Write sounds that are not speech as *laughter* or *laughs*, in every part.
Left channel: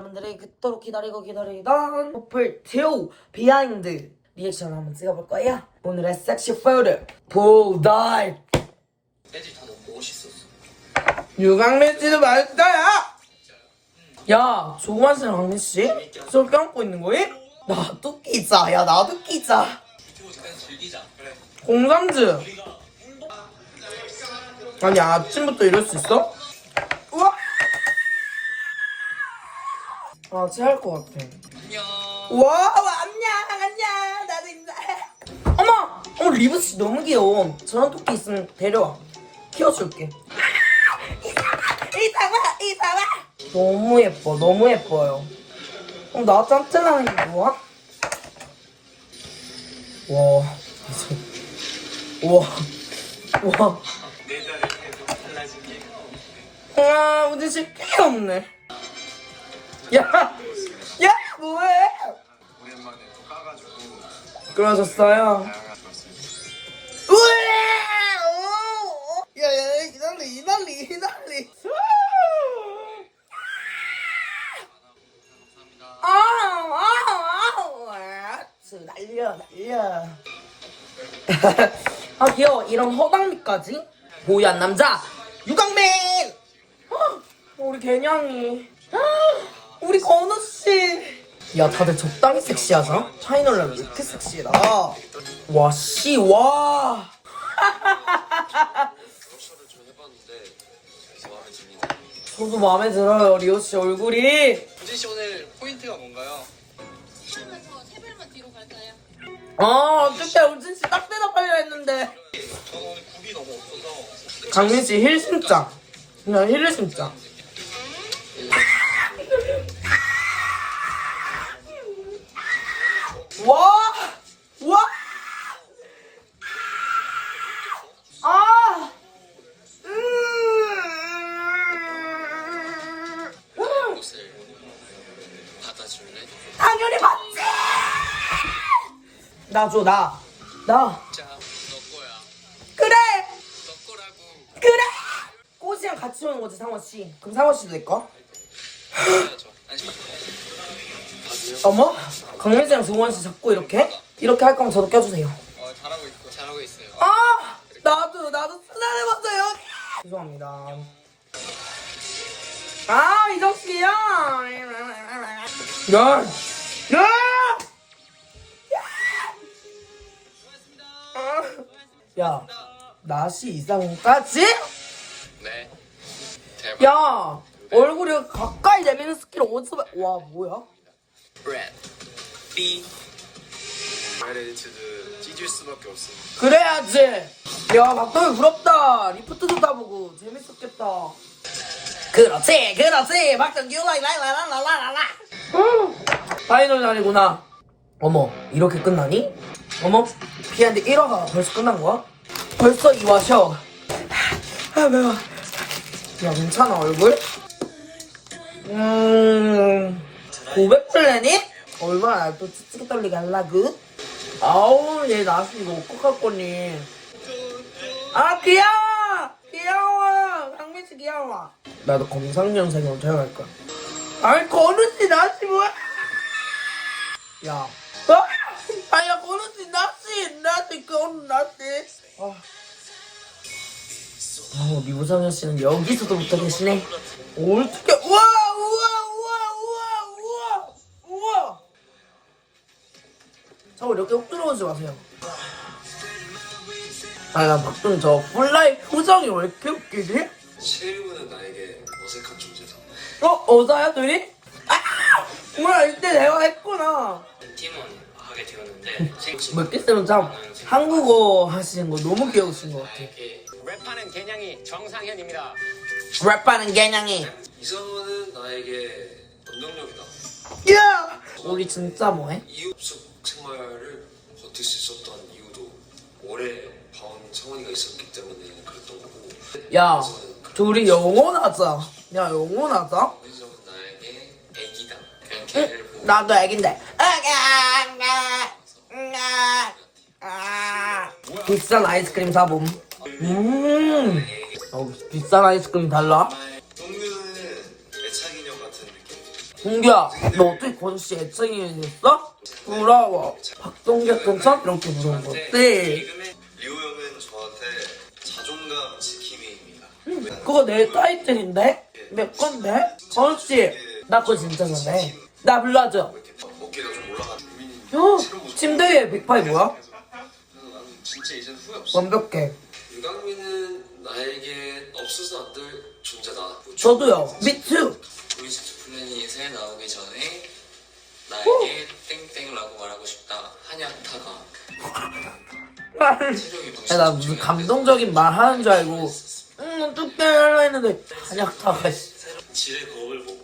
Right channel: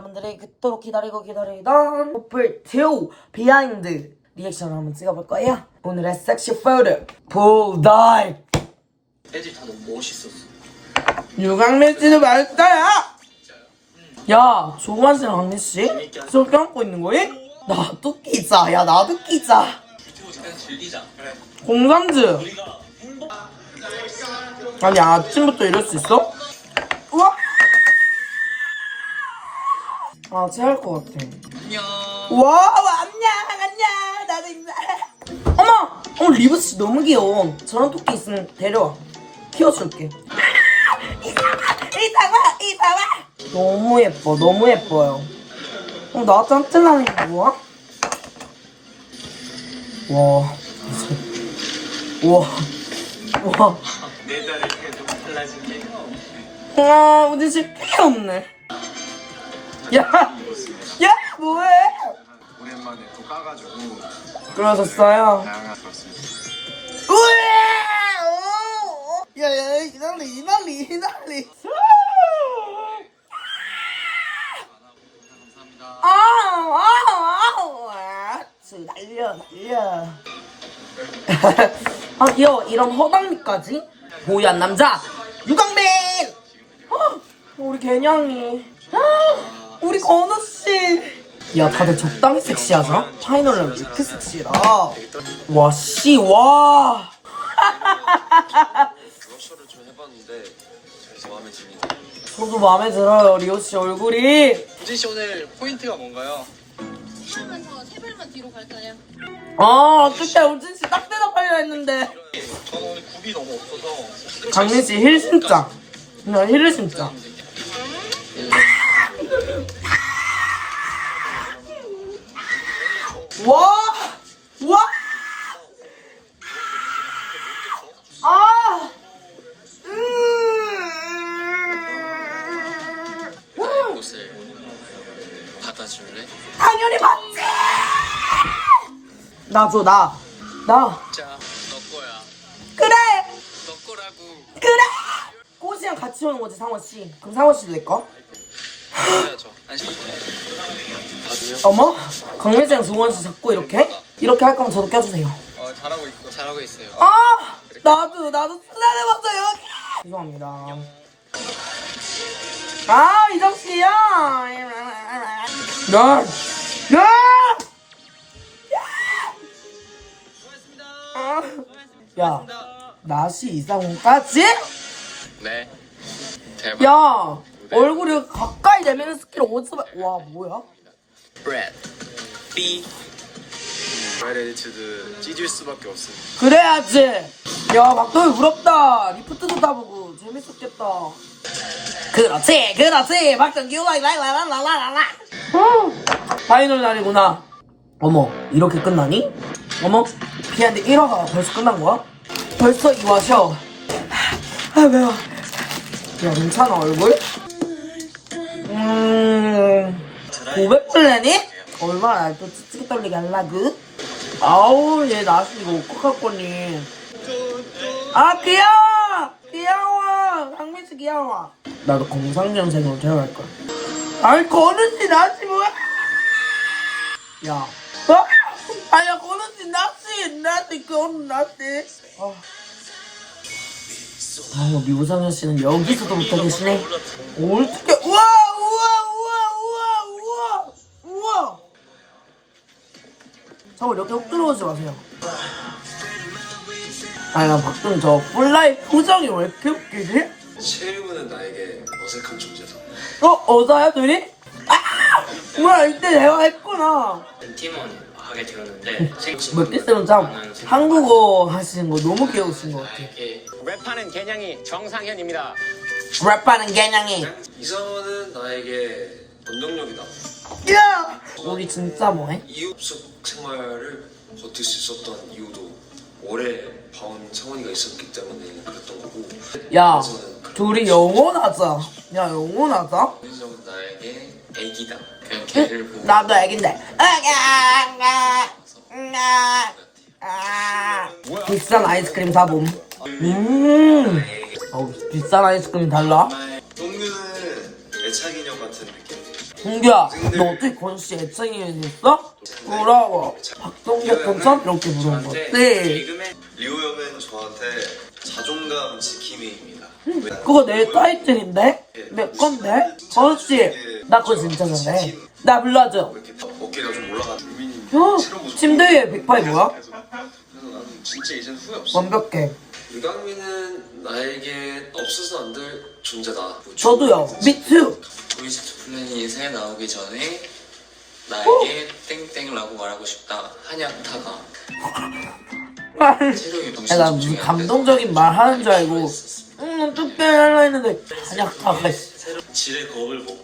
여러분들이 그토록 기다리고 기다리던 오플 2 비하인드 리액션을 한번 찍어볼 거예요. 오늘의 섹시 포토 볼다이 애들 다 너무 멋있었어. 유강민 씨도 맛있어요. 야 조관 씨랑 강민 씨 저렇게 안고 있는 거임? 나도 끼자. 야 나도 끼자. 그냥 즐기자. 그래. 공삼즈. 아니 아침부터 이럴 수 있어? 우와. 아 체할 것 같아. 안녕. 와 안녕 안녕 나도 인사. 어머 어 리브 씨 너무 귀여워. 저런 토끼 있으면 데려와. 키워줄게. *laughs* 이상아 이상아. 너무 예뻐 너무 예뻐요. 어, 나 짠짠하는 게 뭐야? 와. 달라진 게. 와, 우리 집 귀엽네. 야! 야! 뭐해? 오랜만에 또 까가지고 그러셨어요? 다양한 소스 우와! 오! 야, 야, 이날리, 이날리, 이날리. 아우, 아우, 아우. 저 날려, 날려. *laughs* 아, 귀여워. 이런 허당미까지? 보유한 남자, 유강민! 어, 우리 개냥이. 아, 우리 건우 씨. 야, 다들 적당히 섹시하자. 파이널은 왜 이렇게 섹시해라. 와, 씨, 와. *laughs* 저도 마음에 들어요, 리오 씨 얼굴이. 우진 씨 오늘 포인트가 뭔가요? 하면서 세 발만 뒤로 갈까요? 아, 어떡해. 우진 씨 딱 대답하려 했는데. 저는 오늘 굽이 너무 없어서 강민 씨 힐 신자. 그냥 힐을 신자. 나 줘, 나. 나. 자, 너 거야. 그래! 너 거라고. 그래! 꽃이랑 같이 오는 거지, 상원 씨. 그럼 상원 씨도 내 거? 해야죠. 아니, 봐도요? 어머? 강민씨랑 조원씨 자꾸 이렇게? 이렇게 할 거면 저도 껴주세요. 어, 잘하고 있고 잘하고 있어요. 아! 나도, 나도 쓰다듬었어, 여기! 죄송합니다. 아, 이정 씨야! 야! 야! 야! 야, 나시 이상훈까지? 네. 대박. 야! 얼굴이 가까이 내미는 스킬 어디서 봐? 와, 뭐야? 브레드. B. 찢을 수밖에 없어 그래야지. 야, 막동이 부럽다. 리프트도 따보고 재밌었겠다. 그렇지, 그렇지. 박정규 라이라이라라라라라. 파이널 날이구나. 어머, 이렇게 끝나니? 어머, 피한데 1화가 벌써 끝난 거야? 벌써 2화셔. 아, 매워. 야, 괜찮아, 얼굴? 음, 고백 플래닛? 얼마나 날또 찌찌개 떨리게 할라그? 아우 얘 나스 이거 어떡할 거니 아 귀여워 귀여워 강민씨 귀여워 나도 공상년생으로 태어날 거야 아이 건우씨 나씨 뭐야 야 어? 건우씨 나씨 건우 나씨 아. 아 미우상현 씨는 여기서도 붙어 계시네 어떻게 우와 우와 우와 우와 우와 우와 저 이렇게 훅 들어오지 마세요. 아니, 난 박준 저 폴라의 표정이 왜 이렇게 웃기지? 실무는 나에게 어색한 존재다 어? 어자야, 둘이? 아! 뭐야, 이때 내가 했구나. 팀원 하게 되었는데 몇개 쓰면 참 한국어 하시는 거 너무 귀여우신 것 같아. 이게 랩하는 개냥이 정상현입니다. 랩하는 개냥이. 이성은 나에게 원동력이다 야! 우리 진짜 뭐해? 이웃 속 생활을 버틸 수 있었던 이유도 오래 봐온 성원이가 있었기 때문에 그랬던 거고 야, 둘이 영원하자. 야, 영원하자. 이성은 나에게 애기다. 보고 나도 애긴데. 비싼 아이스크림 사봄. 음. 어, 비싼 아이스크림 달라? 동료는 애착 인형 같은 느낌 동규야, 너 어떻게 건씨 애칭이 됐어? 부러워. 박동규 괜찮? 이렇게 부르는 거 어때? 리오 형은 저한테 자존감 지킴이입니다. 그거 내 타이틀인데? 내 건데? 건씨, 나 그거 진짜 잘해. 나 불러줘. 어깨가 좀 올라가는 어, 침대 위에 빅파이 뭐야? 그래서 나는 진짜 이젠 후회 없어. 완벽해. 유강민은 나에게 없어서 안 될 존재다. 저도요. 미투. 보이시트 플래닛에 나오기 전에 나에게 땡땡라고 말하고 싶다. 체력이 야, 나 무슨 감동적인 말 하는 줄 알고, 응, 어떡해, 하려 했는데, 한약타가, 씨. 지레 겁을 먹고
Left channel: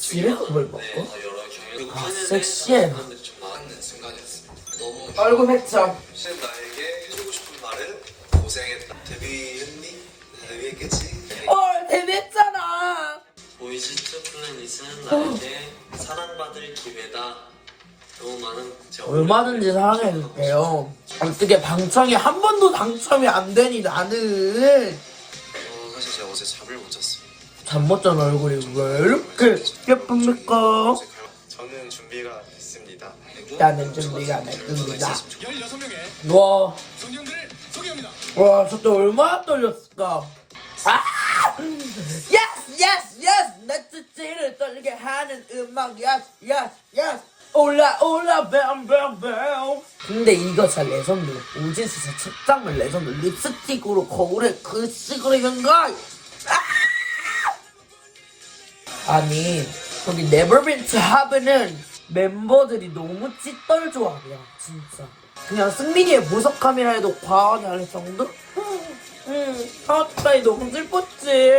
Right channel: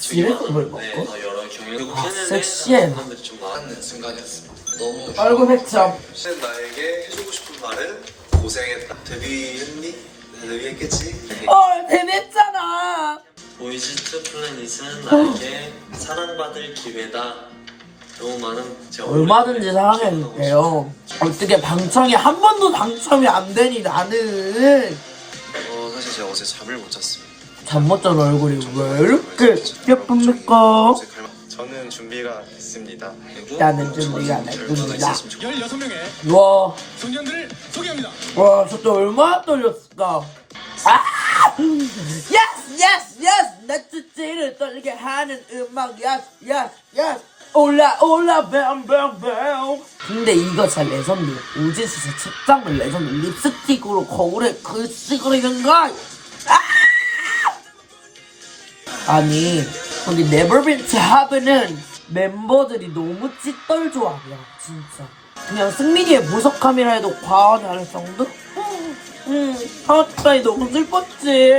지레 겁을 먹고? 아, 섹시해. 너무 얼굴. 혹시 나에게 해주고 싶은 말은 고생했다. 데뷔했니? 데뷔했겠지? 어, 데뷔했잖아. 보이시트 플래닛은 나에게 사랑받을 기회다. 너무 많은 제 얼마든지 사랑해줄게요. 어떻게 방청이 한 번도 당첨이 안 되니, 나는. 잠 못 잔 얼굴이 왜 이렇게 예쁩니까? 저는 준비가 됐습니다. 나는 준비가 됐습니다. 16명의 와, 소년들을 소개합니다. 와, 저때 얼마나 떨렸을까? 아! 예스, 예스, 예스! 내 찌찌를 떨리게 하는 음악, 예스, 예스, 예스! 올라, 올라, 뱀 뱀 뱀! 근데 이거 진짜 레전드. 우진 진짜 책장을 레전드. 립스틱으로 거울에 글씨 그리는 거! 아! 아니, 거기 네버빈트 하브는 멤버들이 너무 찌떨 조합이야, 진짜. 그냥 승민이의 보석함이라 해도 과하지 않을 정도? 응, 하와타이 너무 슬펐지.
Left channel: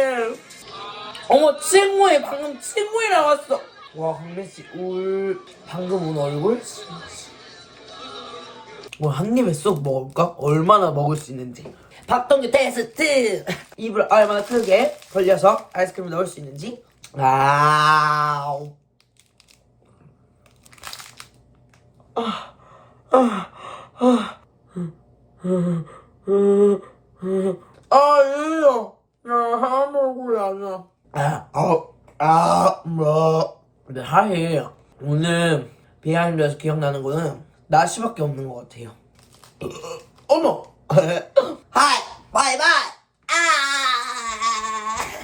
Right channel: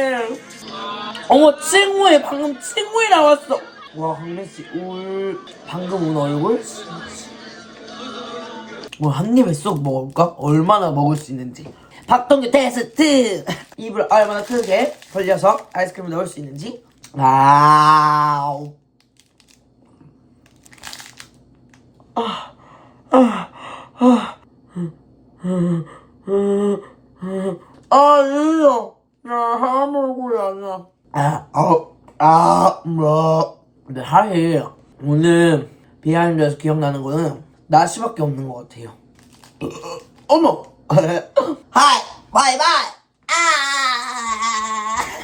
어머, 칭우이, 방금 칭우이 나왔어. 와, 강민씨, 울. 방금 운 얼굴? 진짜. 뭐, 한 입에 쏙 먹을까? 얼마나 먹을 수 있는지. 박동규 테스트! 입을 얼마나 크게 벌려서 아이스크림을 넣을 수 있는지. 아우. 아, 이거. 나 하모구이 아니야. 아, 아, 아, 뭐. 근데 사실, 오늘 비하인드에서 기억나는 거는 나시밖에 없는 것 같아요. 어머! *laughs* 하이, 바이바이! 아!